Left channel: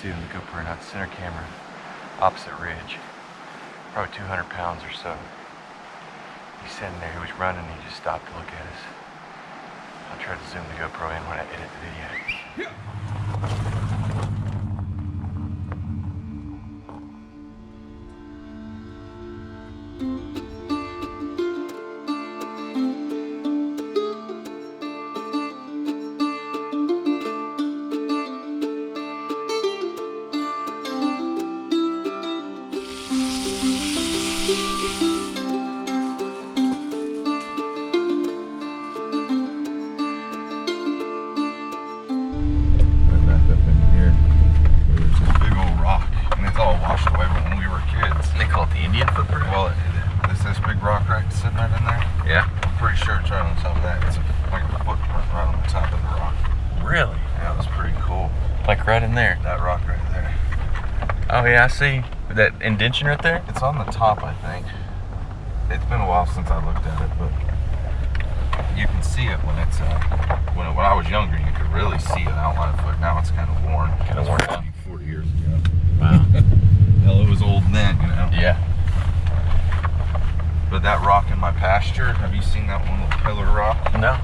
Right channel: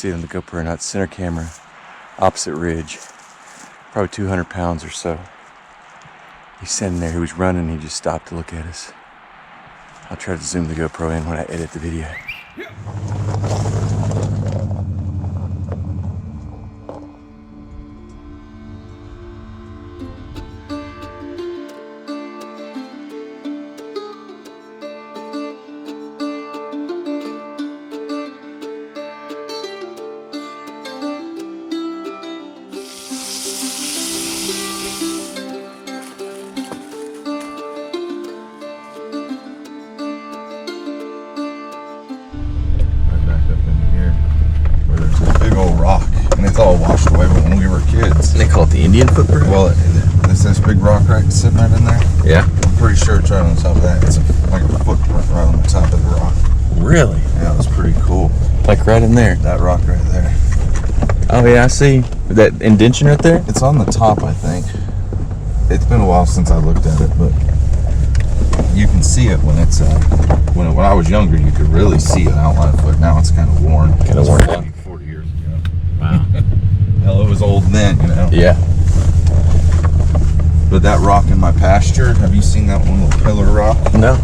see it on the GoPro or not. Center camera, opposite ridge, probably 200 pounds or so. He's standing there, he was running, he just stopped to look at us. I'll try to zoom the GoPro in when I edit the video. All washed away when we were kids. They call it the Indian footprint? Well, there's this big rock right sitting right in there. Yeah. I'm pretty sure it's right on top of that. It's like a footprint right on the top of the rock. Really? Yeah, it was pretty cool. Like right in there? That rock right there. Oh yeah, I see. That indention right there? It's on the top, I think. It's been a while since I looked at it, but you can see it when it's when I was younger, you could really see an outline of it. Now it's kind of worn. Kind of worn down. 40 years ago. Wow. Hell, it was old then, you know. Yeah. But that rock in my pasture, have you seen that one little pillar rock? No.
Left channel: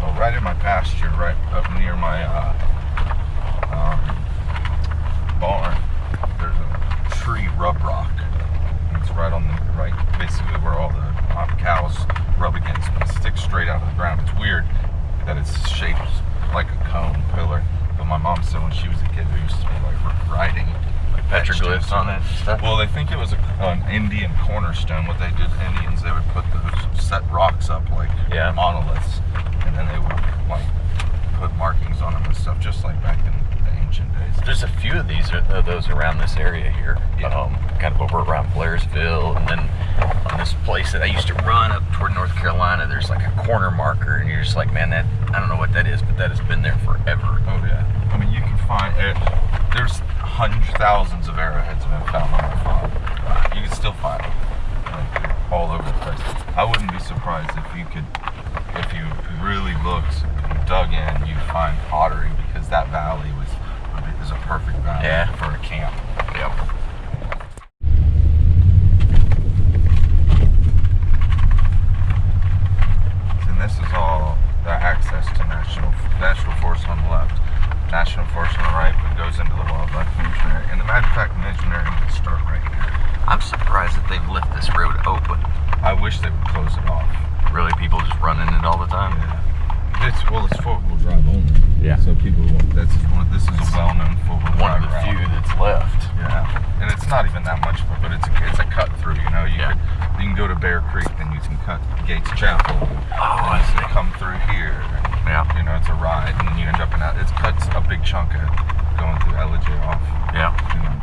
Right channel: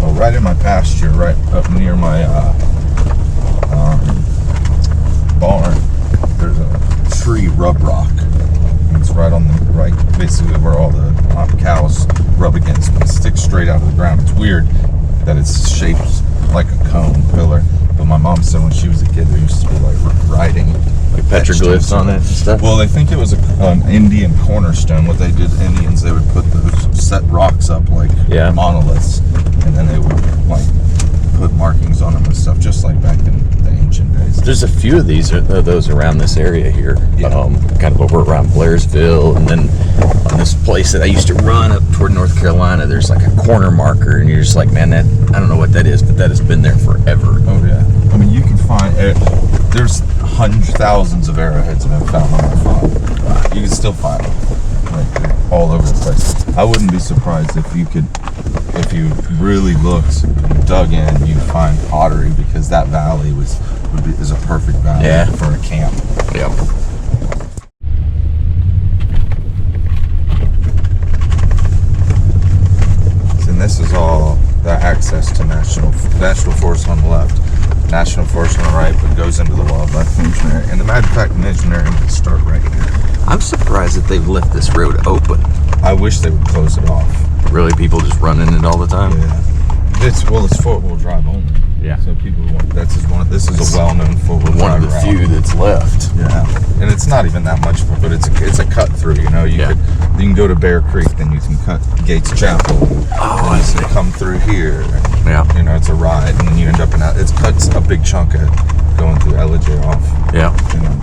Well, right in my pasture, right up near my barn, there's a tree rub rock. It's right on the basically where all the cows rub against. But it sticks straight out of the ground. It's weird that it's shaped like a cone pillar. But my mom said when she was a kid, there used to be like writing, like petroglyphs on it and stuff. Well, they think it was an Indian cornerstone. What they did, Indians, they would put those set rocks up like monoliths, and then they would like put markings on them and stuff, just like back in the ancient days. There's a few of those around this area here. Yeah. Kind of over around Blairsville, and then on this place that I used to run up toward North Carolina, there's like a corner marker, and you're just like, man, that I don't know what that is, but that has been there forever. Oh yeah. I mean, you can find it. There's hundreds, thousands of arrowheads have been found on that farm. You can still find them, like all over the place. I wouldn't be surprised if you really looked, and dug in, you'd find pottery, because that valley is a perfect valley for a camp. Yeah. And this is all the access to National Forest on the left, National Forest on the right, but goes into the Wildlife Management Area. And the Wildlife Management Area will start right here. I'm surprised that they've left this road open. I wish they would close it off. Really, people just run in it all the time? Yeah. It's 4-wheel drive only. Yeah. So people want, this is a well-known 4-wheel drive one of the route. few that's left. Yeah. And it's not even that much, but it's a cut through. You know, you can go to Bear Creek, then you can cut Gates Chapel. Oh, I see. Come through here. And, yeah. You know, it's a ride, and then you end up in that. It cuts a big chunk of going through LJ off. Yeah. You know.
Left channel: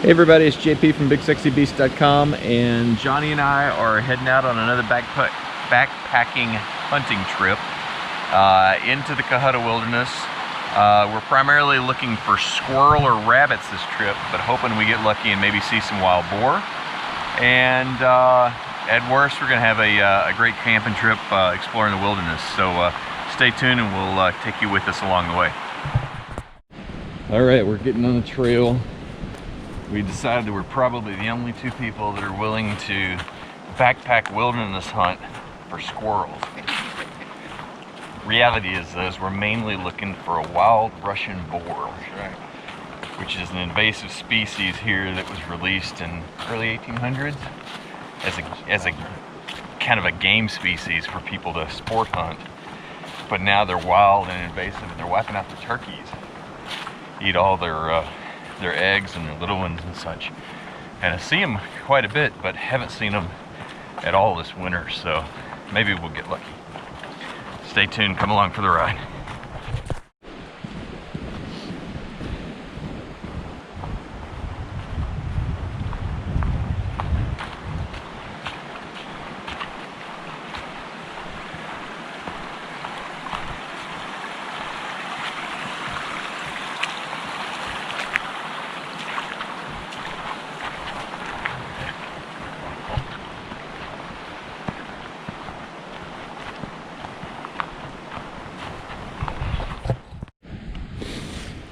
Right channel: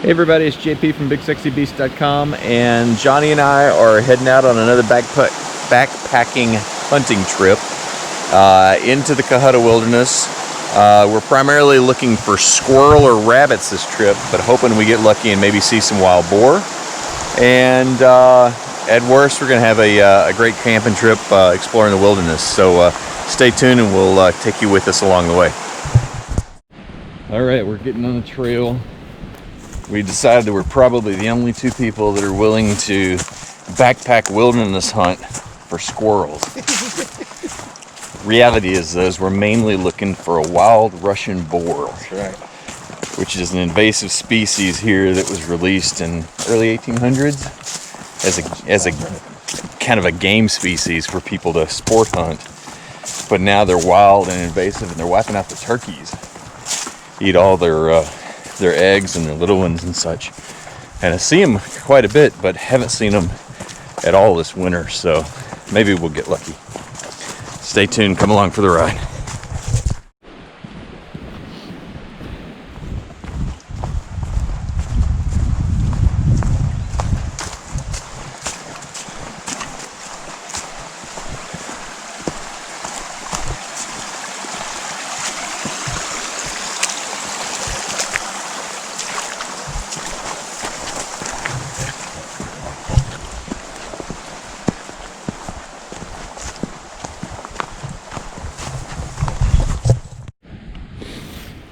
Hey everybody, it's JP from BigSexyBeast.com, and Johnny and I are heading out on another backpacking hunting trip into the Cohutta Wilderness. We're primarily looking for squirrel or rabbits this trip, but hoping we get lucky and maybe see some wild boar. And at worst, we're going to have a great camping trip exploring the wilderness. So stay tuned and we'll take you with us along the way. All right, we're getting on the trail. We decided that we're probably the only two people that are willing to backpack wilderness hunt for squirrels. Reality is we're mainly looking for a wild Russian boar. That's right. Which is an invasive species here that was released in early 1800s as a kind of a game species for people to sport hunt. But now they're wild and invasive, and they're wiping out the turkeys. Eat all their eggs and their little ones and such. And I see them quite a bit, but haven't seen them at all this winter, so maybe we'll get lucky. Stay tuned, come along for the ride.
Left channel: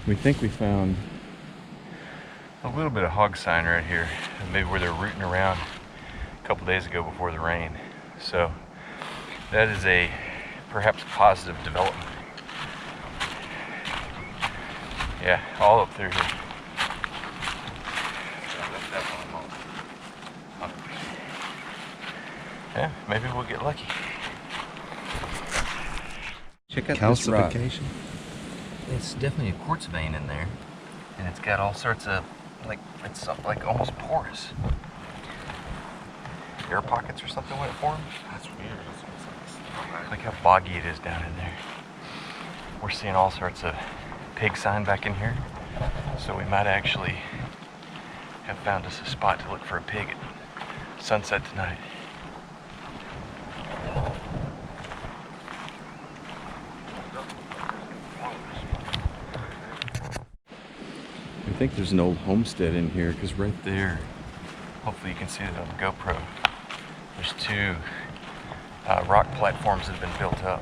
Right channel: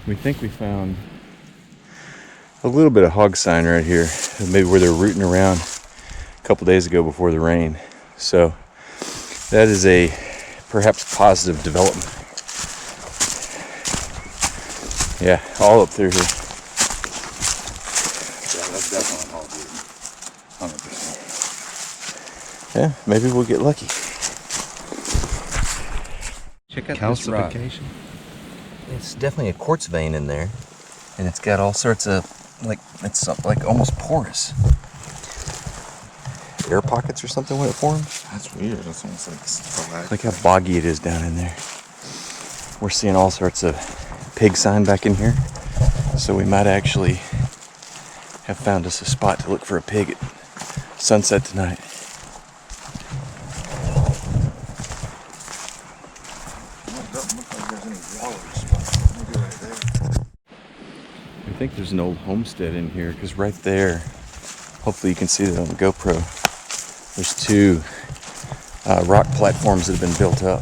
We think we found a little bit of hog sign right here, maybe where they're rooting around a couple days ago before the rain. So that is a perhaps positive development. Yeah, all up through here. Yeah, that's definitely hog wood. 100%. Yeah, maybe we'll get lucky. Check out this rock. It's definitely a quartz vein in there, and it's got all sorts of it's like almost porous. Air pockets or something when it forms. That's weird. That's almost like stalactite. Look how boggy it is down in there. We're seeing all sorts of pig sign back in here, so we might actually have found us a spot to look for a pig at sunset tonight. I think there's an old homestead in here, because right there, hopefully you can see that on the GoPro, there's two rock platforms that have been built up.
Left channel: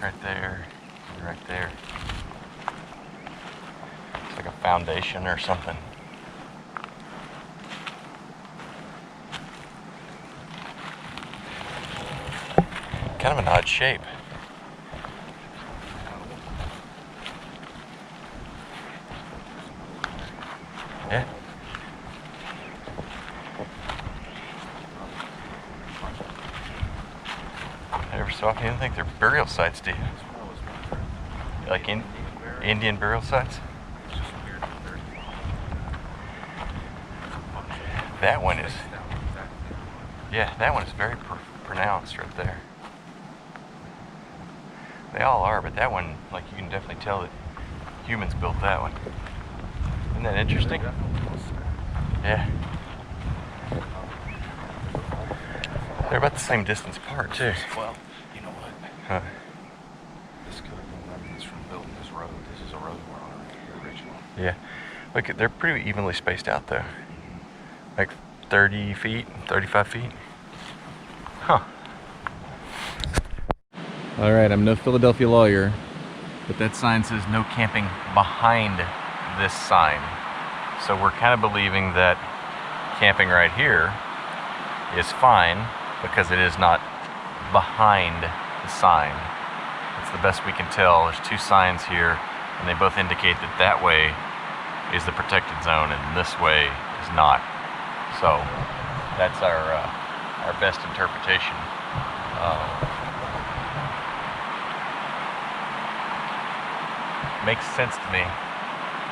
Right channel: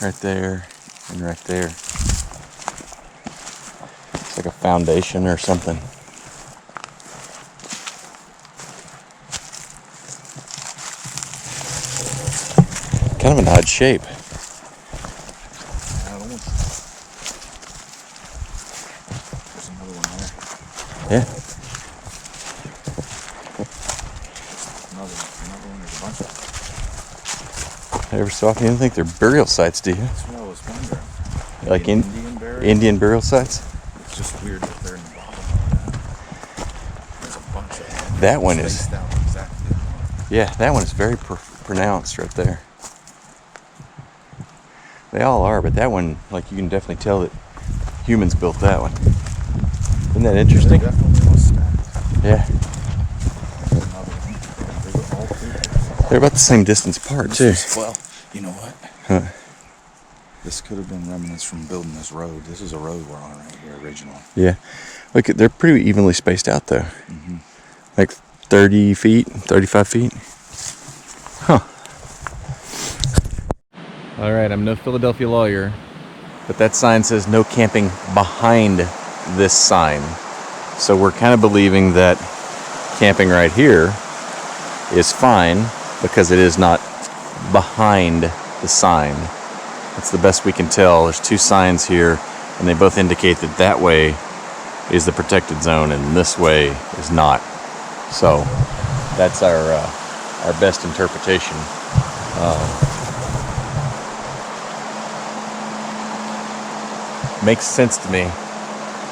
Right there and right there. It's like a foundation or something. Kind of an odd shape. Yeah. Every so often, you don't think they're burial sites, do you? That's what I was wondering. Like Indian Indian burial? burial sites? It's just weird that they're in the bottom. There's a bunch of them. That one is. Spaced out exactly. Yeah, that one is very pronounced right there. They all are, but that one, like, you can definitely tell that humans built that one. Isn't that interesting? They're definitely all stacked. Yeah. They were all three. They're about the same distance apart, too. Well, you know what? Huh. This could have been remnants from building this road. This is a road we're on right here, original. Yeah. Look, they're pretty evenly spaced out, though. Mm-hmm. Like 30 feet, 35 feet. Huh. All right, I'm no Philadelphia lawyer, but that sign says no camping behind this sign. So we're kind of believing that camping right here is fine because it is not behind the sign. That's the best we can tell. There's two signs here, and they both indicate that that way is the protected zone and this way is not. So that's our best interpretation. Makes sense to me.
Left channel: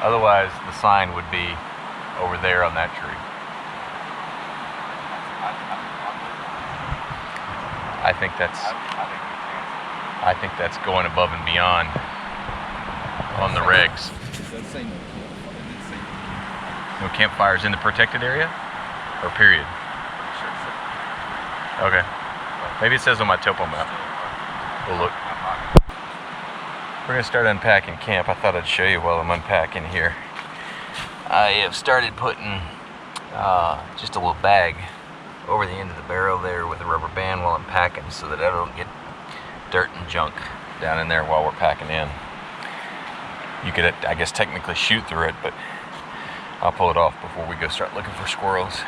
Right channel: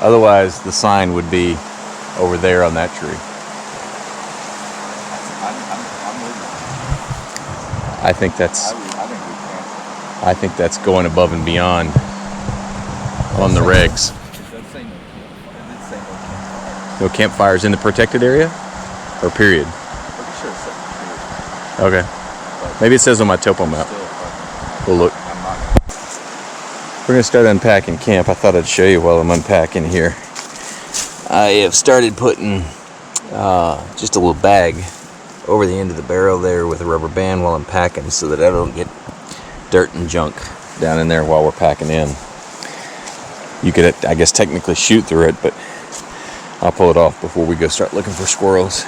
Otherwise, the sign would be over there on that tree. I think that's going above and beyond on the regs. No campfires in the protected area? Or period? Okay. Maybe it says on my topo map. We'll look. We're going to start unpacking camp. I thought I'd show you while I'm unpacking here. I have started putting just a little bag over the end of the barrel there with a rubber band while I'm packing so that I don't get dirt and junk down in there while we're packing in. You could, I guess, technically shoot through it, but I'll pull it off before we go start looking for squirrels.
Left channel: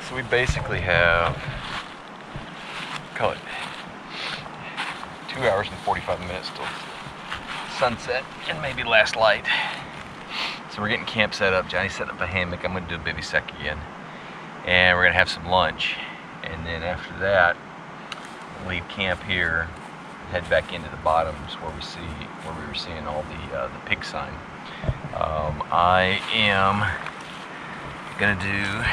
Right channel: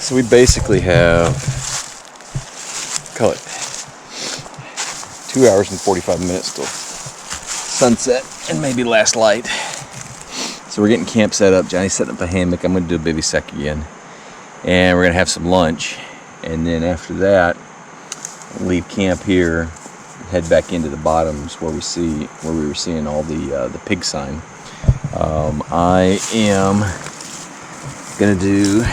So we basically have, call it 2 hours and 45 minutes till sunset and maybe last light. So we're getting camp set up. Johnny's setting up a hammock. I'm going to do a bivouac again. And we're going to have some lunch. And then after that, leave camp here, head back into the bottoms where we were seeing all the pig sign. I am going to do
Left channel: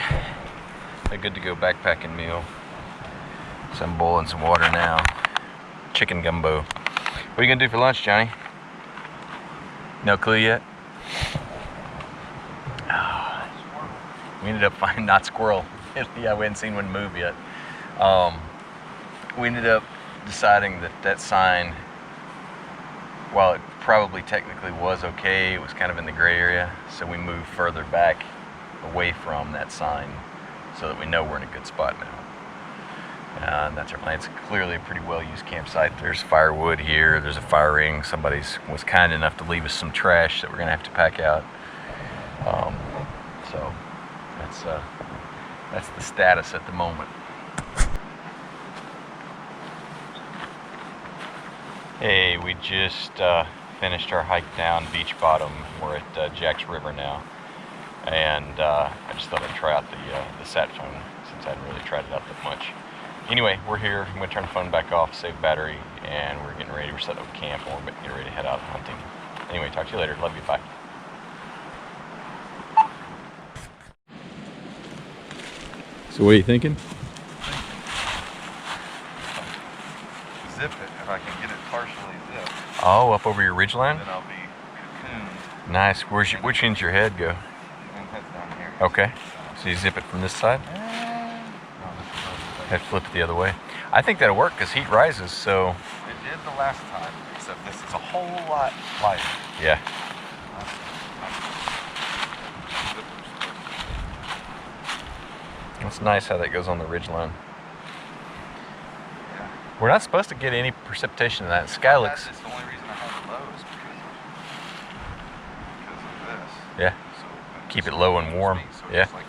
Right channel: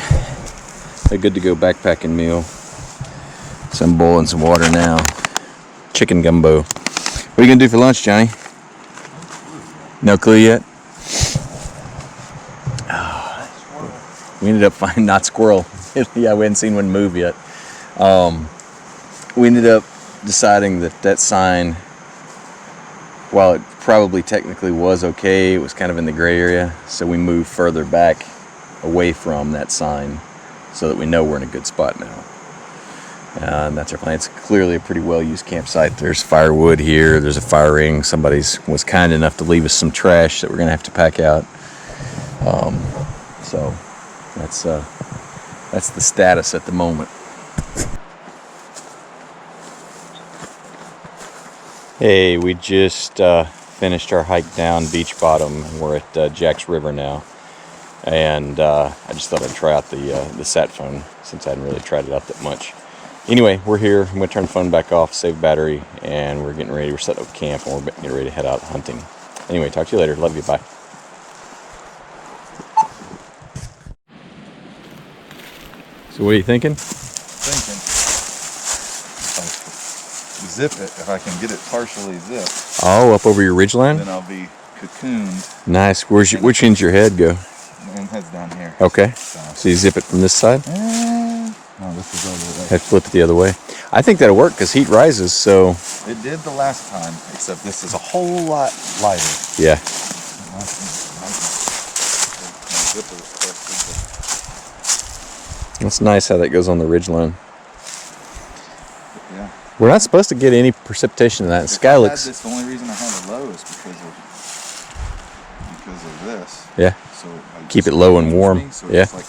a good to go backpacking meal. So I'm boiling some water now. Chicken gumbo. What are you gonna do for lunch, Johnny? No clue yet? Oh, we ended up finding not squirrel. Yeah, we hadn't seen one move yet. We ended up deciding that that sign, while it probably technically was okay, it was kind of in the gray area. So we moved further back away from that sign so that we know we're in a good spot now. And that's our plan. It's clearly a pretty well-used campsite. There's firewood here. There's a fire ring. Somebody was kind enough to leave us some trash that we're going to have to pack out. So that's the status at the moment. Hey, we just finished our hike down Beach Bottom, and we're at Jack's River now. And I just thought I'd try out the sat phone since I hadn't really tried it out that much. Anyway, we're here. I'm going to turn the phone back off, save battery, and we're getting ready. We're setting up camp, and we're getting ready to head out hunting. Anyway, talk to you later. Love you. Bye. So what are you thinking? Zip it if I can get it partially zipped. Oh, up over your ridgeline? Then I'll be cocooned. Nice. Which end's your head go? My head's down here. Okay. So you zip it from this side? Oh, this is over there. Have to flip it the other way. I think that'll work because heat rises, so... It did the last time, except this is a whole lot lighter. Yeah. That's nice how that goes on the ridgeline. Yeah. We're not supposed to get any precipitation in that. The sky looks... The only reason I had it low is because of this. Yeah. So keep it low and warm. So yeah. But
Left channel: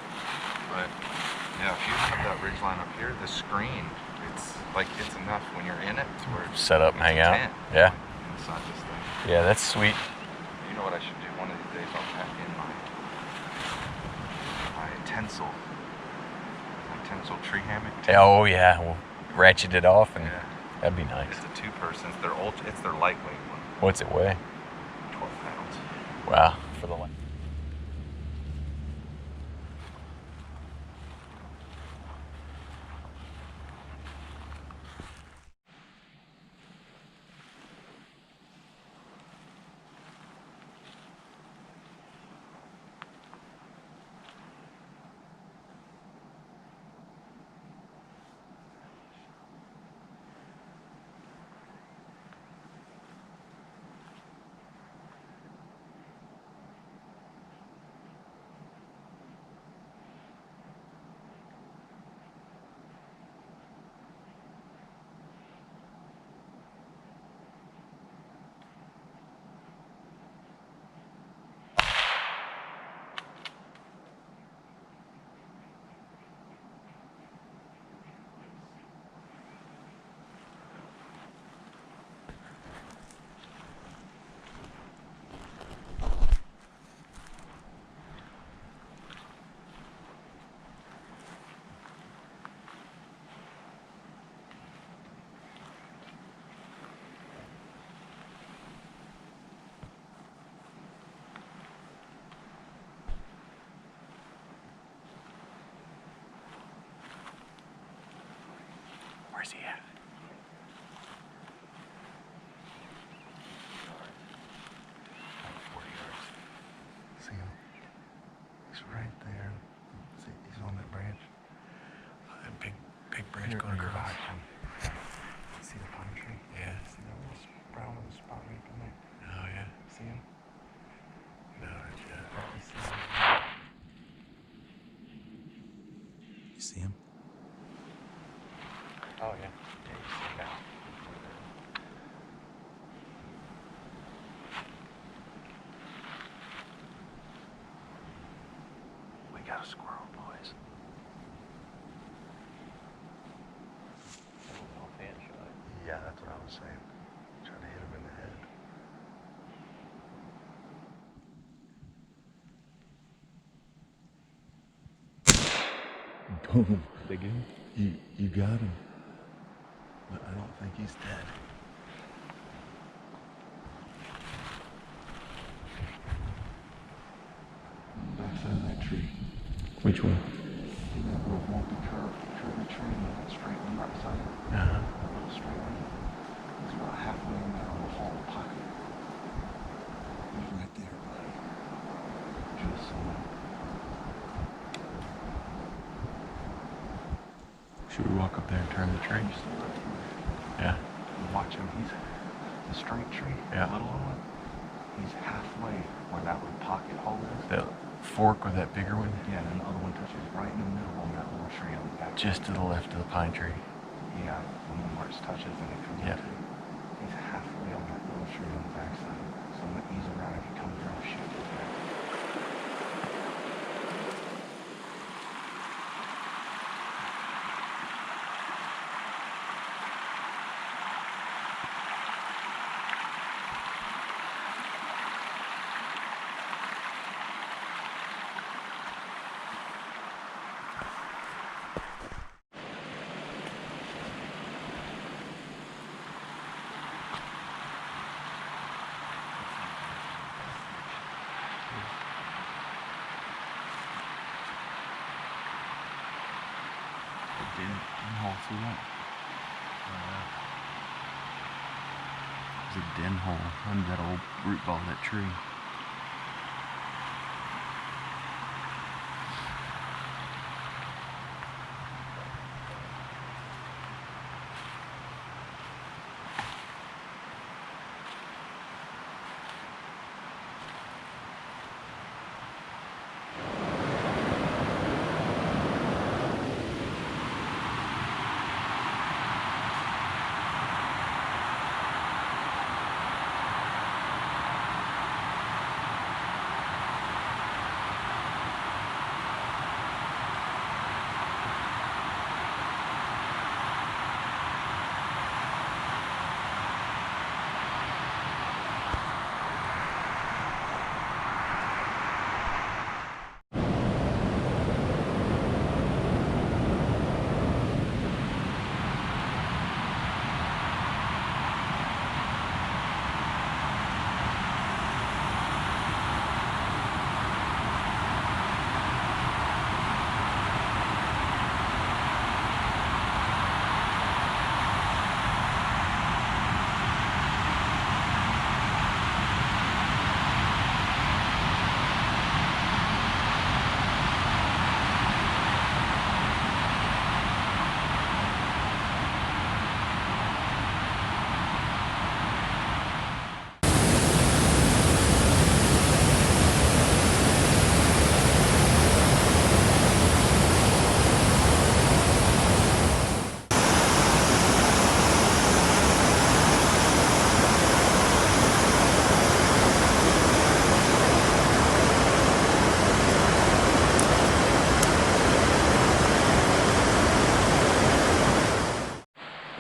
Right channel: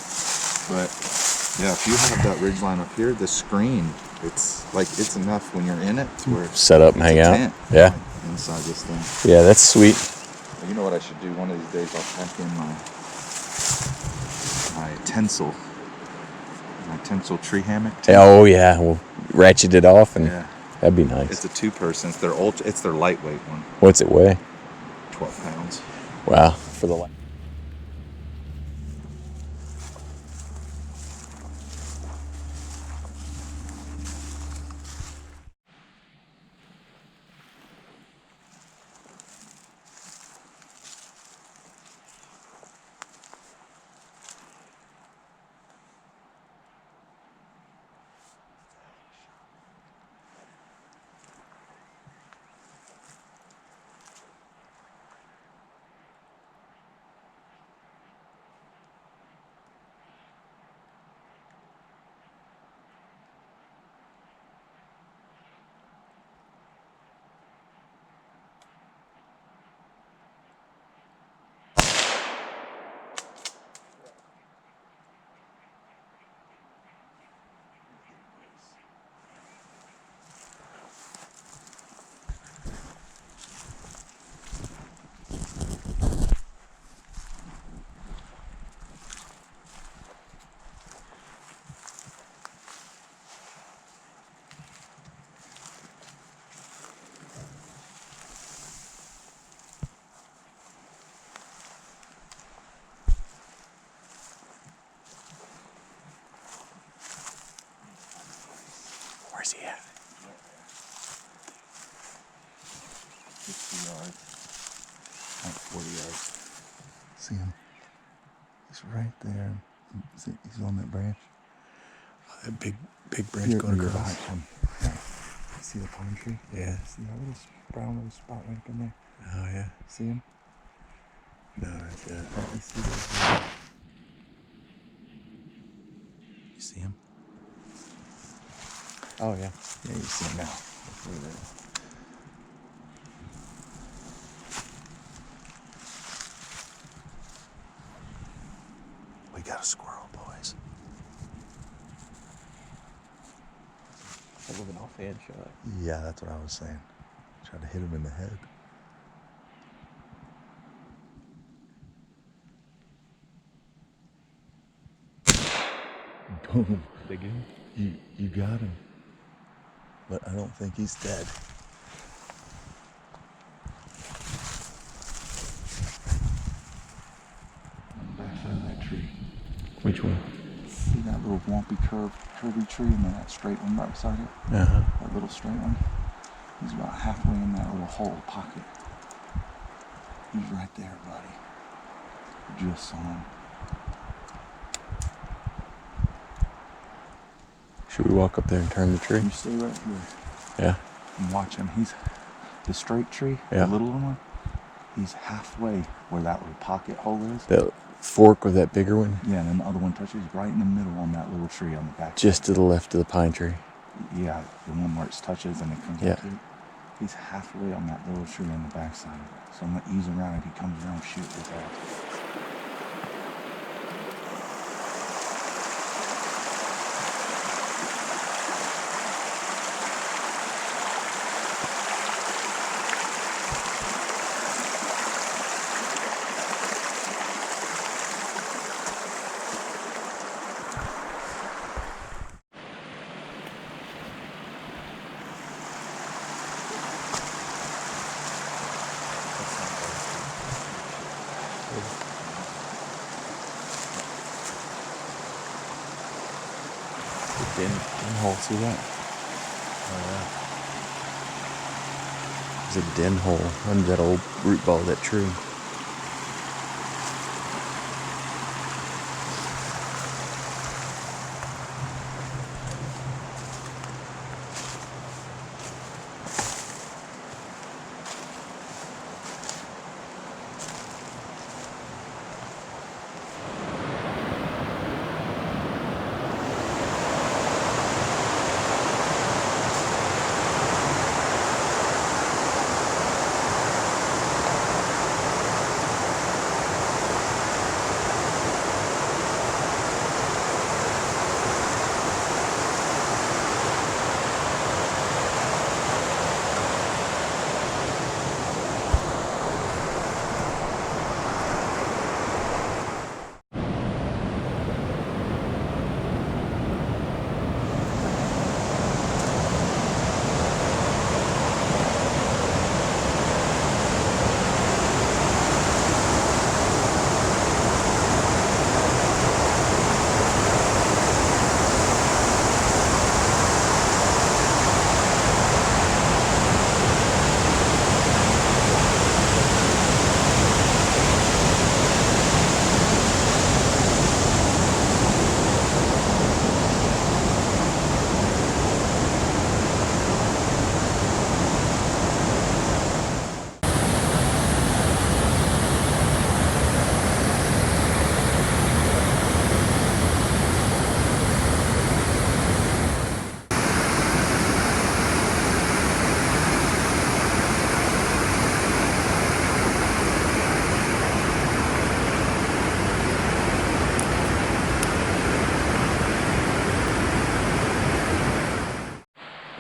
yeah, if you have that ridgeline up here, the screen, it's enough when you're in it to where set up and hang out. Tent, yeah. like, inside this thing. Yeah, that's sweet. You know what I should do? One of these days I'll pack in my tinsel tree hammock. Oh yeah, we'll ratchet it off and that'd be nice. It's a 2-person. It's their lightweight one. What's it weigh? 12 pounds. Wow, for the light. Where's he at? 50 yards. Like 40 yards. See him? He's right there. See, he's on that branch. Oh, that big branch going across. Him. Yeah. See the pine tree? Yeah. See that little brown little spot right up in there? Oh yeah. See him? No, that's it. You see those? You see him? Oh yeah. Yeah, you see him now. We got a squirrel, boys. A little bit off the edge, shut up. Yeah, that's what I was saying. Try to hit him in the head. Boom. Big one? You got him. But I don't think he's dead. On the backside of that tree. Which one? See that little whompy curvy tree and then that straight one right beside it? Uh-huh. That little straight one? He's about halfway in that little hole pocket. He's right there, buddy. Just saw him. Should we walk up there and turn the tree? You stay right here Yeah. and watch him. He's the straight tree, Yeah. the little one. He's halfway where that little pocket hole is. That fork with that bigger one? Yeah, and then the other one touches right in the middle on that little tree on the back. Just to the left of the pine tree. Yeah, the one where it touches and it comes Yeah. up to it. He's halfway on that little tree on the backside. So I'm gonna ease him around. If he comes around, shoot his ass. The den hole, see that? There's a den hole under that old root ball of that tree.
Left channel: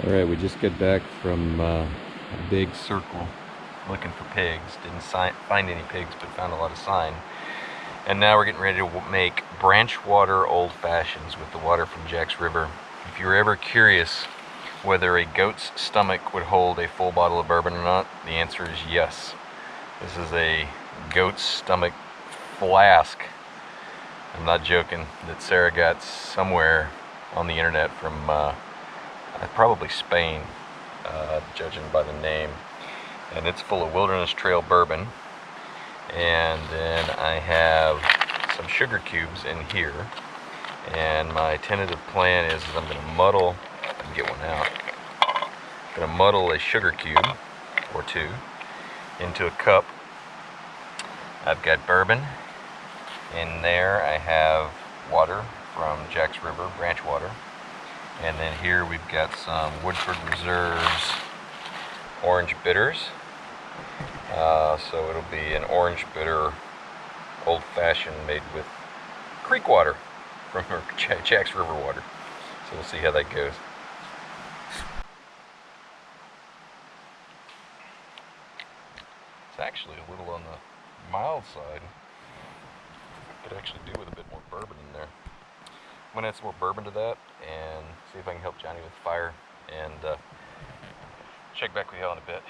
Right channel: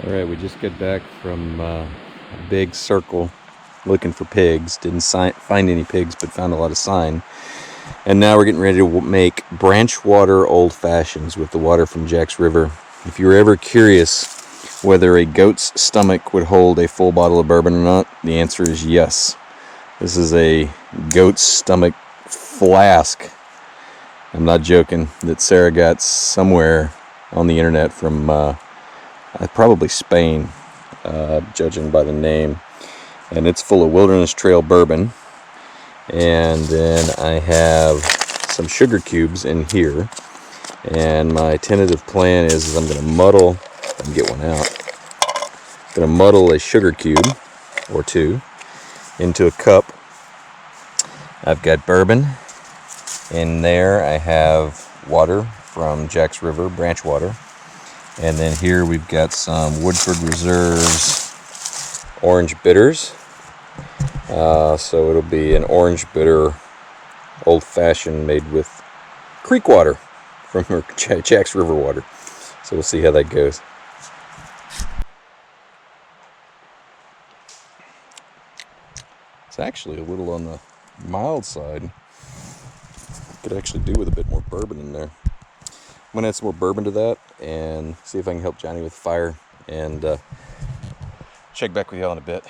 All right, we just got back from a big circle looking for pigs. Didn't find any pigs, but found a lot of sign. And now we're getting ready to make branch water old fashions with the water from Jack's River. If you were ever curious whether a goat's stomach would hold a full bottle of bourbon or not, the answer is yes. This is a goat's stomach flask. I'm not joking, that Sarah got somewhere on the internet from probably Spain, judging by the name. And it's full of Wilderness Trail bourbon. And then I have some sugar cubes in here. And my tentative plan is I'm going to muddle, if I can get one out, I'm going to muddle a sugar cube or two into a cup. I've got bourbon. In there I have water from Jack's River, branch water. And then here we've got some Woodford Reserve's orange bitters. So it'll be an orange bitter old-fashioned made with creek water from Jack's River water. So we'll see how that goes. It's actually a little on the mild side. Could actually do with a bit more bourbon in there. I'm gonna add some more bourbon to that and see if I can help Johnny with the fire, and check back with y'all in a bit.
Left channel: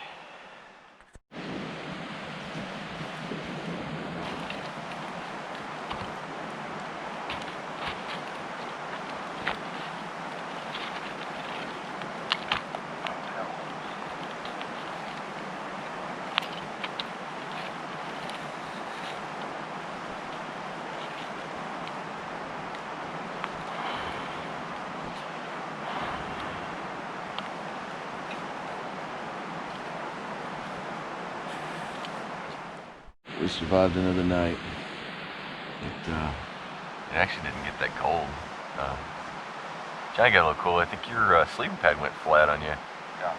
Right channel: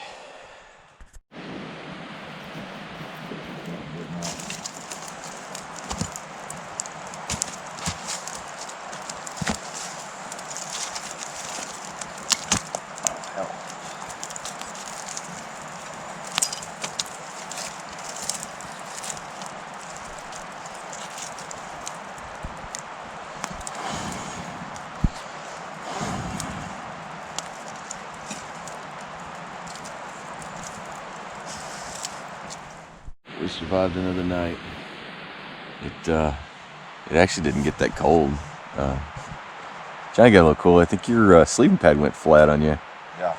We survived another night. It actually didn't get that cold. Johnny got a little cool. I think your sleeping pad went flat on you. Yeah.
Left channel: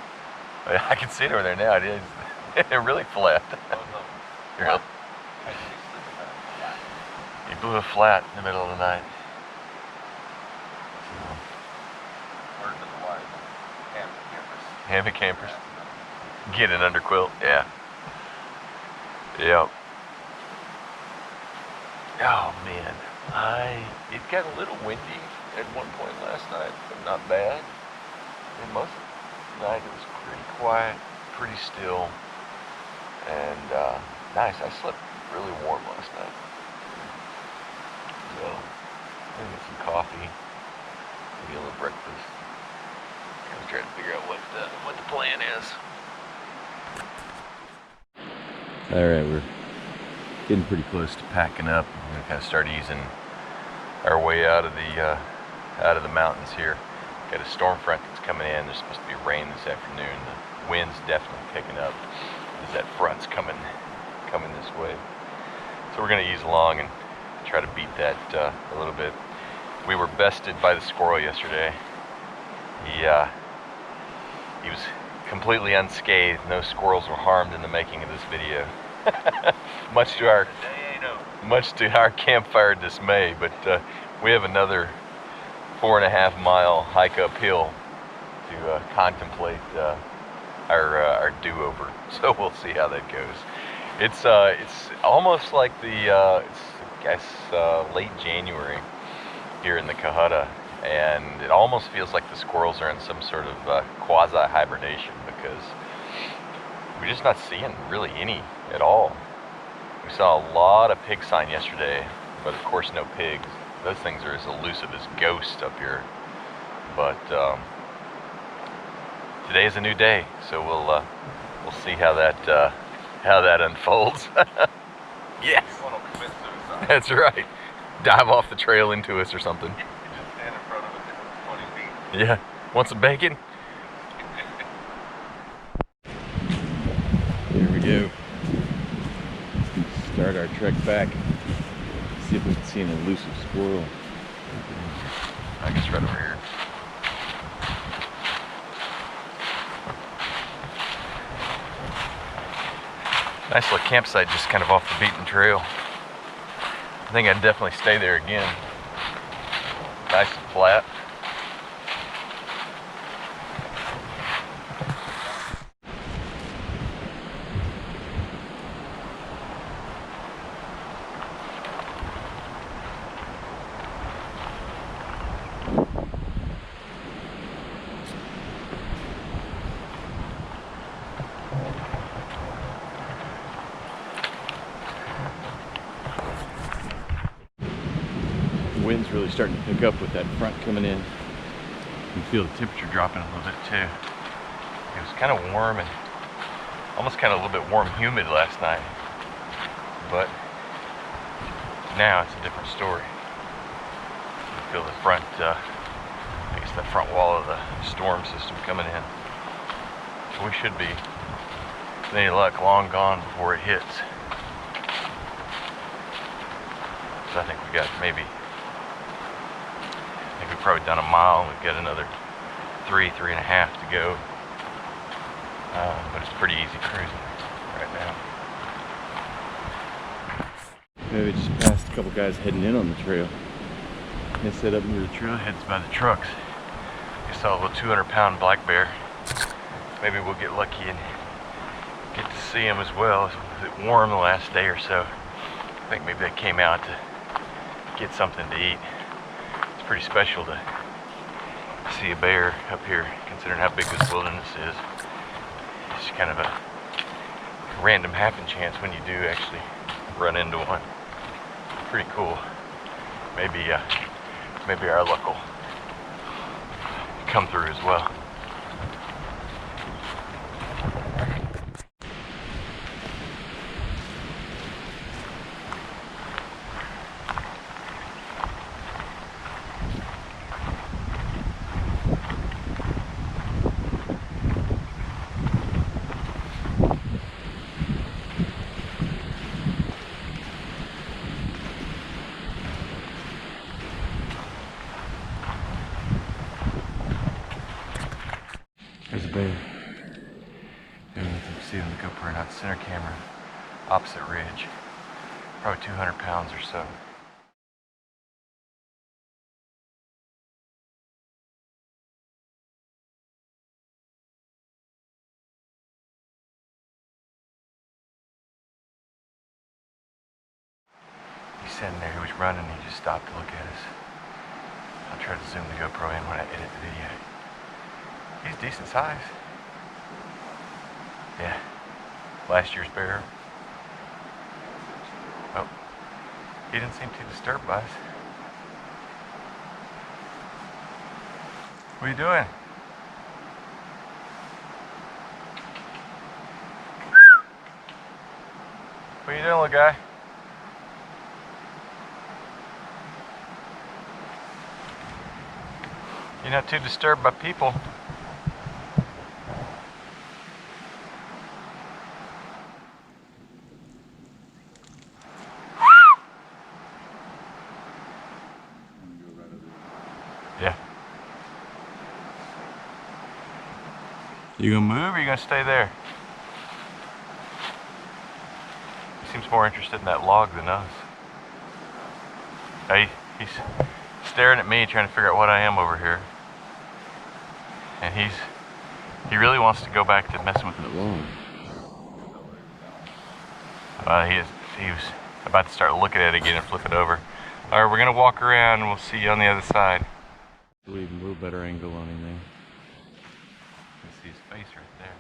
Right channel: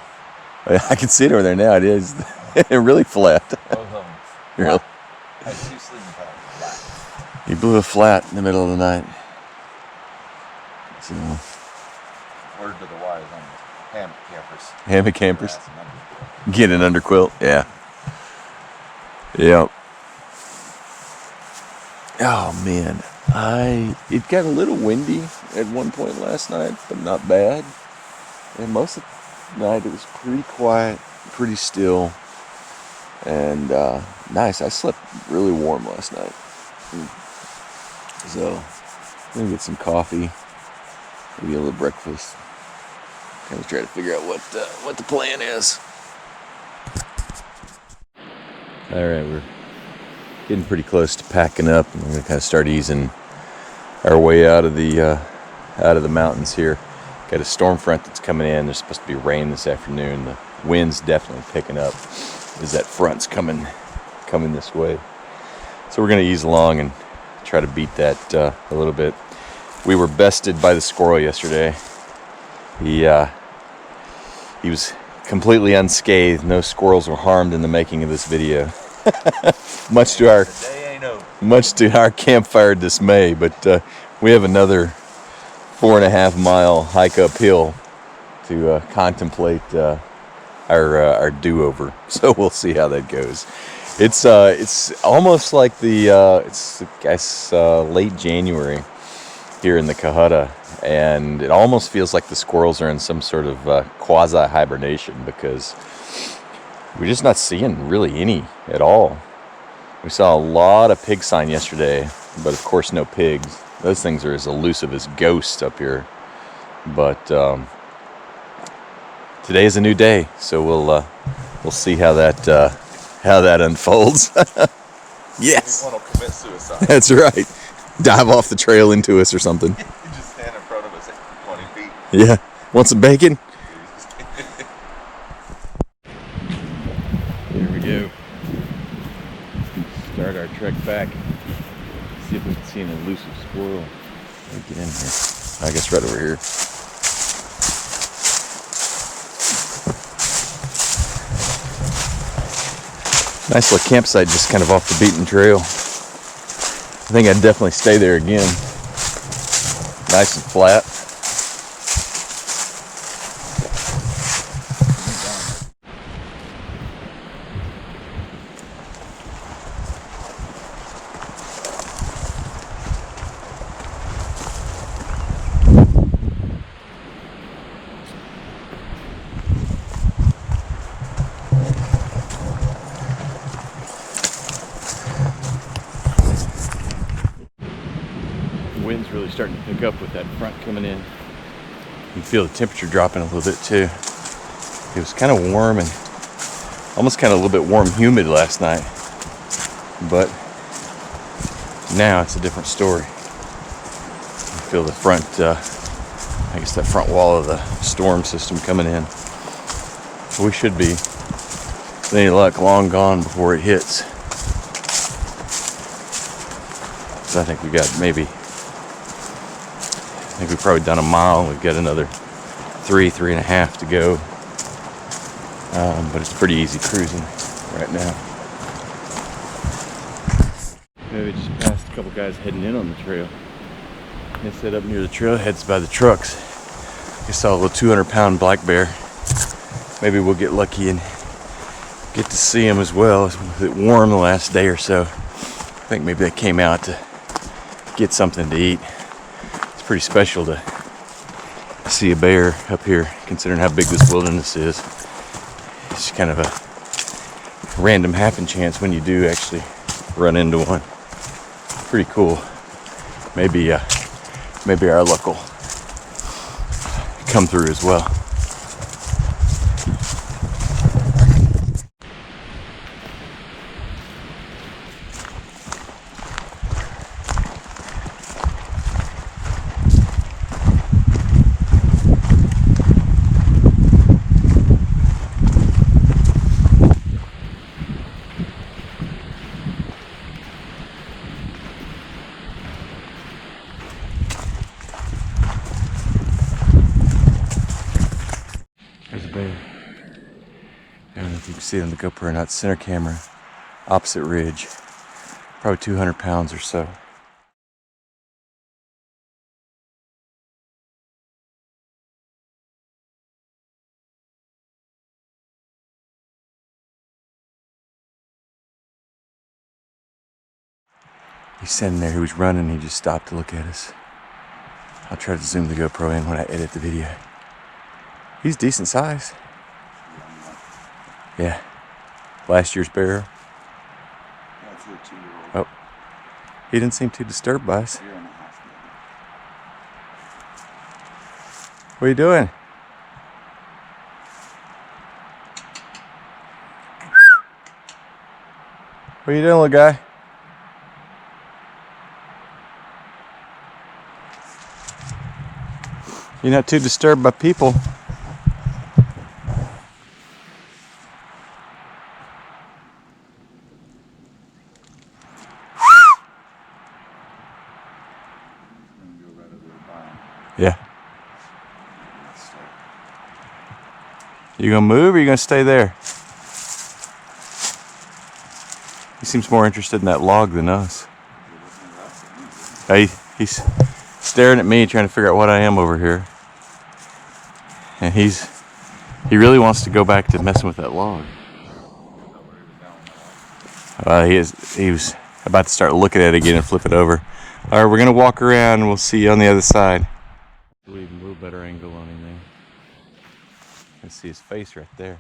I can see it over there now. It is really flat. Both of them. Really? I had 2 sleeping pads flat. He blew a flat in the middle of the night. So, Word to the wise on hammock campers. hammock campers. That's an underground. Get an underquilt. Yeah. Yep. Oh man, it got a little windy at one point last night, but not bad. And most of the night it was pretty quiet, pretty still, and nice. I slept really warm last night. So I'm gonna get some coffee, maybe a little breakfast. Kind of try to figure out what the plan is. All right, we're getting pretty close to packing up. We're gonna kind of start easing our way out of the mountains here. Got a storm front that's coming in. There's supposed to be rain this afternoon. The wind's definitely picking up as that front's coming this way. So we're gonna ease along and try to beat that a little bit. We were bested by the squirrel yesterday. He was completely unscathed. No squirrels were harmed in the making of this video. much to our campfire dismay, but we have another 4.5 mile hike uphill to contemplate our do-over. So we'll see how that goes. It's almost like it's I guess late January here in the Cohutta, and it almost feels like the squirrels are in some sort of quasi hibernation because we're just not seeing really any at all. We saw a lot of pig sign yesterday, but of course no pigs. Those things are as elusive as ghosts up here. But today is a new day, so we'll see how that unfolds. Yes, Anyone will commit suicide. that's right. Dive off the trail into us or something. You just stand in front of us at 20 feet. Yeah. Want some bacon? Here we go. Start our trek back. See if we can see an elusive squirrel. Get in here. I guess right over here. Nice little campsite just kind of off the beaten trail. I think I'd definitely stay there again. Nice and flat. Wind's really starting to pick up with that front coming in. You can feel the temperature dropping a little bit too. It was kind of warm and almost kind of a little bit warm humid last night, but now it's a different story. I feel the front, I guess that front wall of the storm system coming in. So we should be, with any luck, long gone before it hits. So I think we got I think we've probably done a mile. We've got another 3.5 to go. But it's pretty easy cruising right now. Maybe just passed a couple guys heading in on the trail. They set up near the trailheads by the trucks. We saw a little 200-pound black bear. Maybe we'll get lucky and get to see him as well. It was warm the last day or so. I think maybe they came out to get something to eat. Pretty special to see a bear up here, considering how big this wilderness is. It's kind of a random happen chance when you do actually run into one. Pretty cool. Maybe our luck will come through as well. I don't know if you can see it on the GoPro or not. Center camera, opposite ridge. Probably 200 pounds or so. He's standing there, he was running, he just stopped to look at us. I'll try to zoom the GoPro in when I edit the video. He's decent size. Yeah. Last year's bear. Oh. He didn't seem too disturbed by us. What are you doing? What are you doing, little guy? You're not too disturbed by people. Yeah. You gonna move or you gonna stay there? He seems more interested in that log than us. He's staring at me, trying to figure out what I am over here. And he really wants to go back to messing with that log. He was about to start looking at it again and flip it over. All right, we're gonna walk around and we'll see you on the other side. A little better angle on him there. You can see his face right there.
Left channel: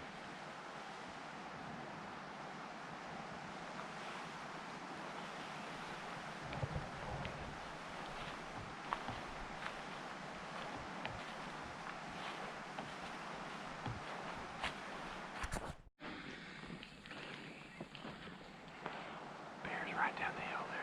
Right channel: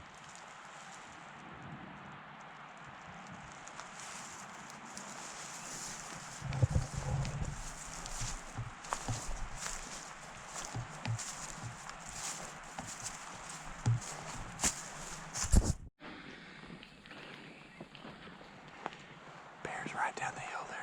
Bear's right down the hill there.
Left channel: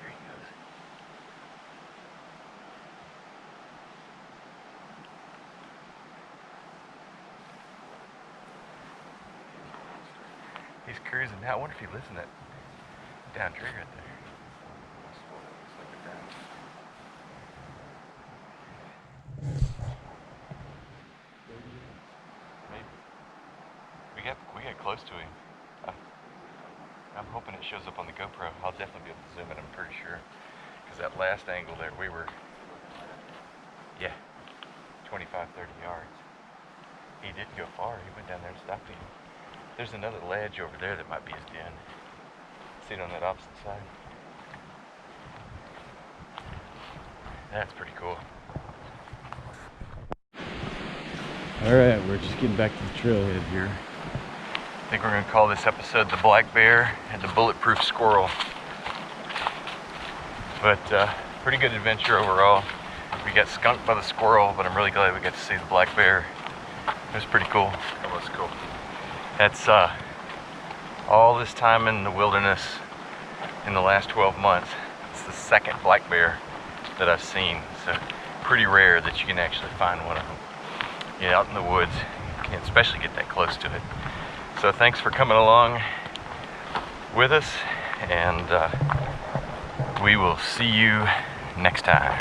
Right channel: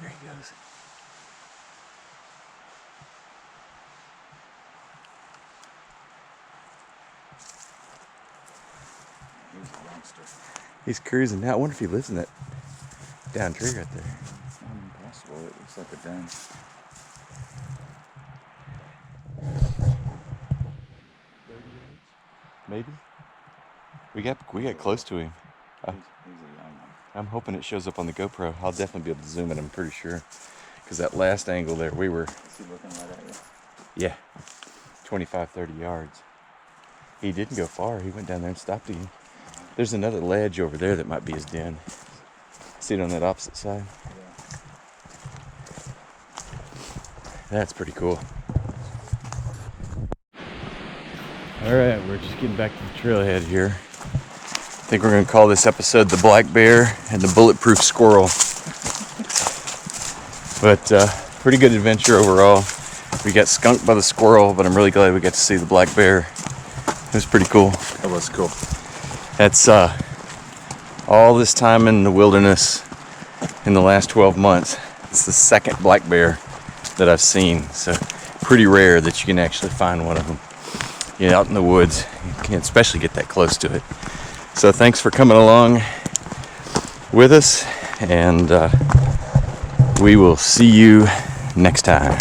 There he goes. He's cruising now. I wonder if he lives in that down tree right there. Possible. It looks like a den. Maybe. We got close to him. I'm hoping it shows up on the GoPro. I'll definitely be able to zoom it, I'm pretty sure. Because that last angle there, we were, yeah, 25, 30 yards. He didn't go far. He went down there and stopped again. There's another ledge over there that might be his den. See it on that opposite side? That's pretty cool. All right, we're just getting back to the trailhead here. I think we're gonna call this episode the Black Bear and the Bulletproof Squirrel. But pretty good adventure overall. We got skunked by the squirrel, but I'm really glad we got to see the black bear. It was pretty cool. That was cool. That's all this time in the wilderness in the last 12 months. It's the second black bear that I've seen. So pretty rare that you can actually find one of them. You know, out in the woods, you can't especially get that close to it. So thanks for coming along with us, and we will see you next time.